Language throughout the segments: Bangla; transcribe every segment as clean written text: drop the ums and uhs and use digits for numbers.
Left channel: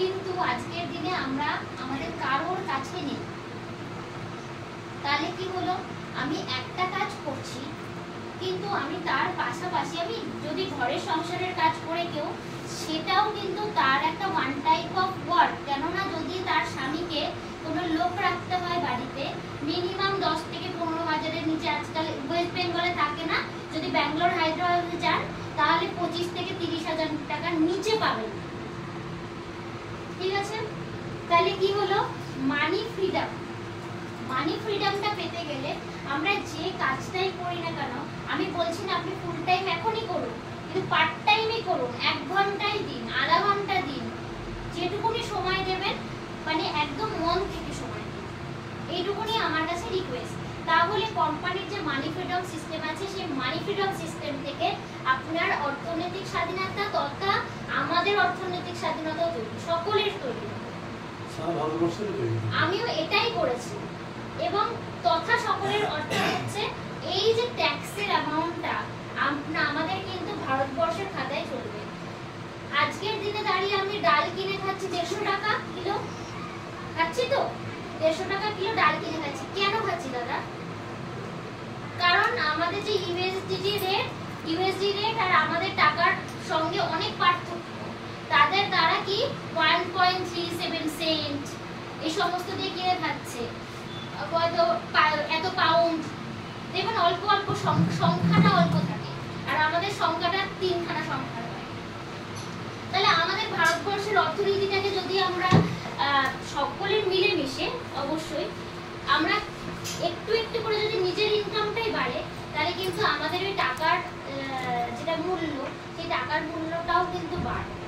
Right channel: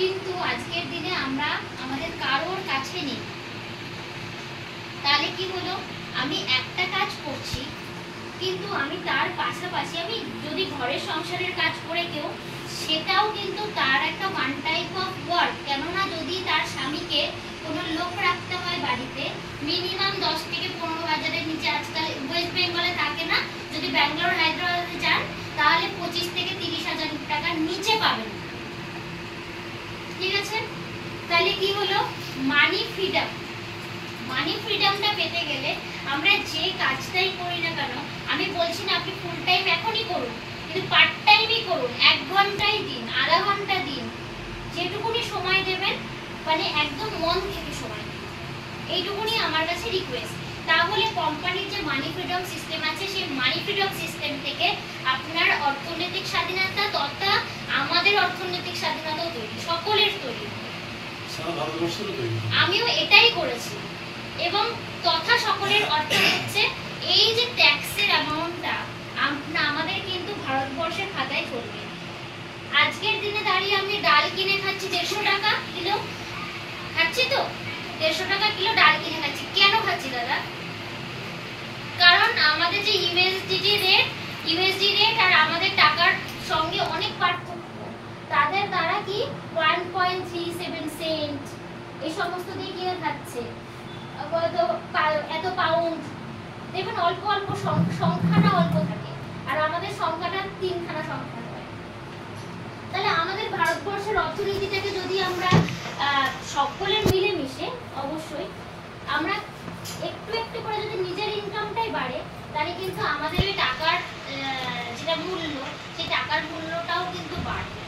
কিন্তু আজকের দিনে আমরা আমাদের কারোর কাছে নেই। তাহলে কি হলো, আমি একটা কাজ করছি কিন্তু আমি তার পাশাপাশি আমি যদি ঘরের সংসারের কাজ করে কেউ, সেটাও কিন্তু তার একটা ওয়ান টাইপ অফ ওয়ার্ক। কেননা যদি তার স্বামীকে কোনো লোক রাখতে হয় বাড়িতে, মিনিমাম 10 থেকে 15,000-এর নিচে আজকাল ওয়েস্ট বেঙ্গলে থাকে না, যদি ব্যাঙ্গালোর হায়দ্রাবাদে যান তাহলে 25 থেকে 30,000 টাকার নিচে পাবেন। ঠিক আছে, তাহলে কি হলো, মানি ফ্রিডম। মানি ফ্রিডমটা পেতে গেলে আমরা যে কাজটাই করি না কেন, আমি বলছি না আপনি ফুল টাইম এখনই করুন, কিন্তু পার্ট টাইমই করুন, 1 ঘন্টাই দিন, আধা ঘন্টা দিন, যেটুকুনি সময় দেবেন, মানে একদম মন থেকে সময় দিন, এইটুকুনি আমার কাছে রিকোয়েস্ট। তাহলে কোম্পানির যে মানি ফ্রিডম সিস্টেম আছে, সেই মানি ফ্রিডম সিস্টেম থেকে আপনার অর্থনৈতিক স্বাধীনতা তথা আমাদের অর্থনৈতিক স্বাধীনতাও তৈরি, সকলের তৈরি। আমিও এটাই করেছি। এবং তথা সকলের অর্থ হচ্ছে এই যে ট্যাক্সের অ্যামাউন্টটা আমাদের কিন্তু ভারতবর্ষের খাতায় চলবে। আজকের দিনে দাঁড়িয়ে আমি ডাল কিনে খাচ্ছি 150 টাকা কিলো, খাচ্ছি তো 150 টাকা কিলো ডাল কিনে খাচ্ছি। কেন খাচ্ছি দাদা? কারণ আমাদের যে ইউএসডি রেট আর আমাদের টাকার সঙ্গে অনেক পার্থক্য। তাদের তারা কি 1.37 সেন্ট এই সমস্ত দিয়ে কিনে খাচ্ছে, এত পাউন্ড। দেখুন অল্প অল্প সংখ্যাটা অল্প থাকে, আর আমাদের সংখ্যাটা 3খানা সংখ্যা হয়। তাহলে আমাদের ভারতবর্ষের অর্থনীতিটাকে যদি আমরা সকলের মিলেমিশে, অবশ্যই আমরা একটু একটু করে যদি নিজের ইনকামটাই বাড়ে, তাহলে কিন্তু আমাদের ওই টাকার যেটা মূল্য, সেই টাকার মূল্যটাও কিন্তু বাড়বে।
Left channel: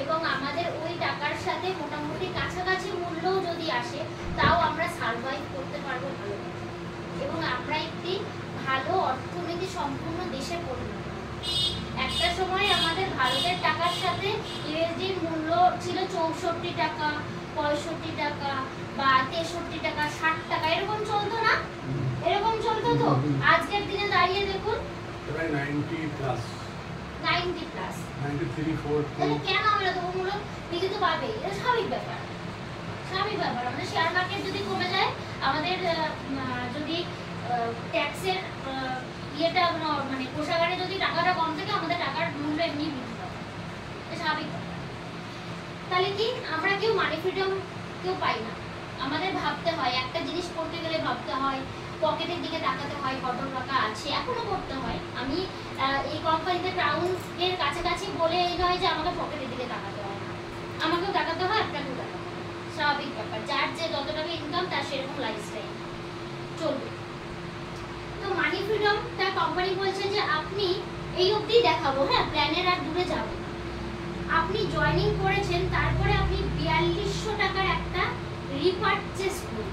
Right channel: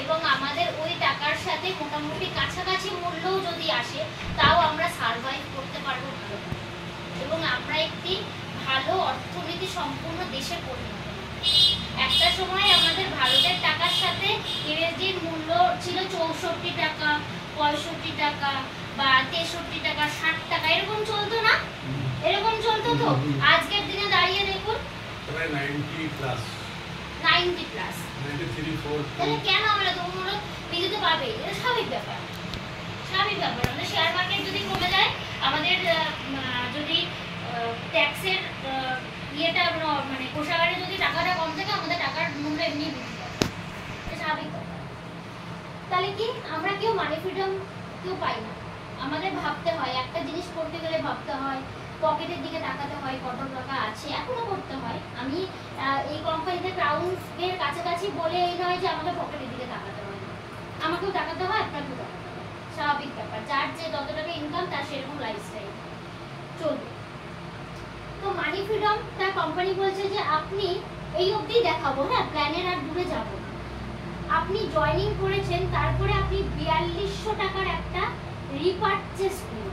এবং আমাদের ওই টাকার সাথে মোটামুটি কাছাকাছি মূল্যও যদি আসে, তাও আমরা সার্ভাইভ করতে পারবো ভালো, এবং আমরা একটি ভালো অর্থনীতি সম্পূর্ণ দেশে পরিণত। একটা সময় আমাদের ভারতের টাকার সাথে ইউএসডির মূল্য ছিল 64 টাকা, 65 টাকা বা 63 টাকা, 60 টাকা, এরকম চলতো না? এরকম চলতো তো। আজকের দিনে দাঁড়িয়ে দেখুন প্রায় 90 প্লাস, 93, 4। তাহলে কেন আমরা তো মূল্য বৃদ্ধি তো পাবে, এটা স্বাভাবিক ব্যাপার। আমাদের শেয়ার মার্কেট যদি কমে যায়, আমাদের যদি ট্যাক্সের ইয়েটা মানে কোষাগারে যদি টাকাটা কম থাকে, আমাদের টাকার মূল্য এমনি বৃদ্ধি পাবে, এটা স্বাভাবিক ব্যাপার। তাহলে কি আমরা কেউ মানি ফ্রিডম কেউ পাই না। আমাদের ভাবতে হয়, একটা জিনিস করতে গেলে ভাবতে হয়, পকেটের দিকে তাকাতে হয়, কত টাকা আছে, এখনো করতে হয়। আমি এই কোম্পানিতে ক্রাউনের কাছাকাছি বলে এই নয় যে আমাকে পকেটের দিকে তাকাতে হয় না, আমাকেও তাকাতে হয়, আপনাকেও তাকাতে হয়, স্বাভাবিক ব্যাপার। যার যে যত টাকা ইনকাম তার সেরকম লাইফস্টাইল চলবে। তো মানি ফ্রিডম তার কোম্পানি বলছে যে আপনি এই অবধি দেখাবো, হ্যাঁ, প্ল্যানের আর দূরে যাব না। আপনি জয়েনিং করেছেন, তারপরে আপনি 4200 টাকার একটা রিপারচেজ করুন।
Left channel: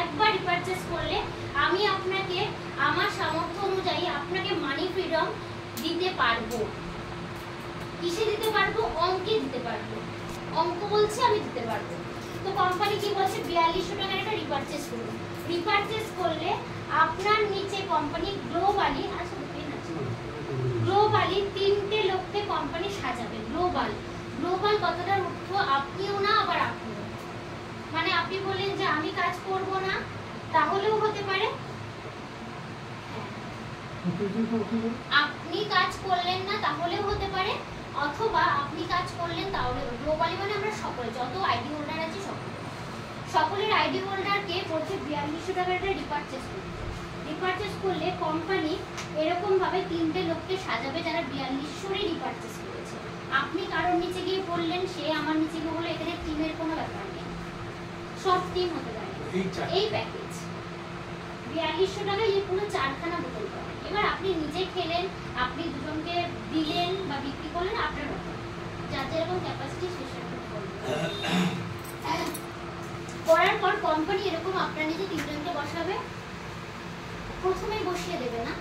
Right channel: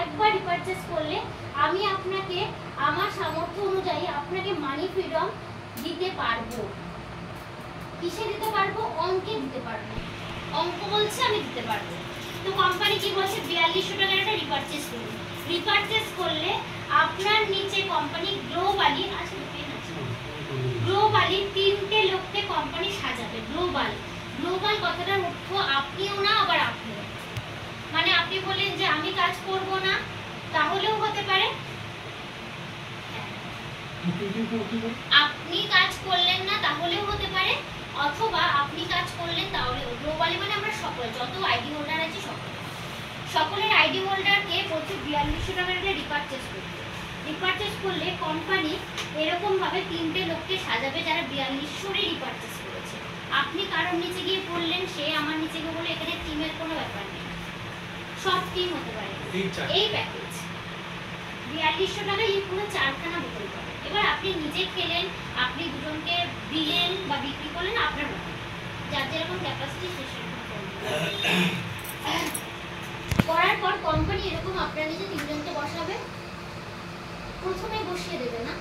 একবার রিপারচেজ করলে আমি আপনাকে আমার সামর্থ্য অনুযায়ী আপনাকে মানি ফ্রিডম দিতে পারবো। কিসে দিতে পারবো? অঙ্কে দিতে পারবো। অঙ্ক বলছে আমি দিতে পারবো। তো কোম্পানি কি বলছে, 4200 টাকার একটা রিপারচেজ করুন। রিপারচেজ করলে আপনার নিচে কোম্পানি গ্লোবালি 3টে লোককে কোম্পানি সাজাবে। গ্লোবাল কথাটার অর্থ আপনিও না, আবার আপনিও। মানে আপনি বলেন যে আমি কাজ করব না, তাহলেও হতে পারে। আপনি কাজ করলেন না, তাহলেও হতে পারে, অথবা আপনি কাজ করলেন তাহলে। গ্লোবালি মানে আমরা সকলে, যত আইডি হোল্ডার আছে সকলের আইডি হোল্ডারকে বলছে 4200 টাকার একটা রিপারচেজ করতে। রিপারচেজ করলে কোম্পানি এরকম ভাবে 3টে লোককে সাজাবে যারা 4200-ই রিপারচেজ করেছে। আপনি কারোর নিচে গিয়ে পড়লেন, সে আমার নিচে গিয়ে বলে, এখানে টিমের কোনো ব্যাপার নেই, সব টিম হতে পারে। এই প্যাকেজ 4200 টাকায় এই পুরো 4খানা বোতল পাবেন। এবার আপনি নিজে খেলেন, আপনি দুজনকে দিলেন বা বিক্রি করলেন, আপনার ব্যাপার, যার যেরকম ক্যাপাসিটি সে সেরকম করবেন। করার পর কোম্পানি এরকম আপনার নিচে 3জনকে বসাবে, প্রথমে বসিয়ে দেবে না,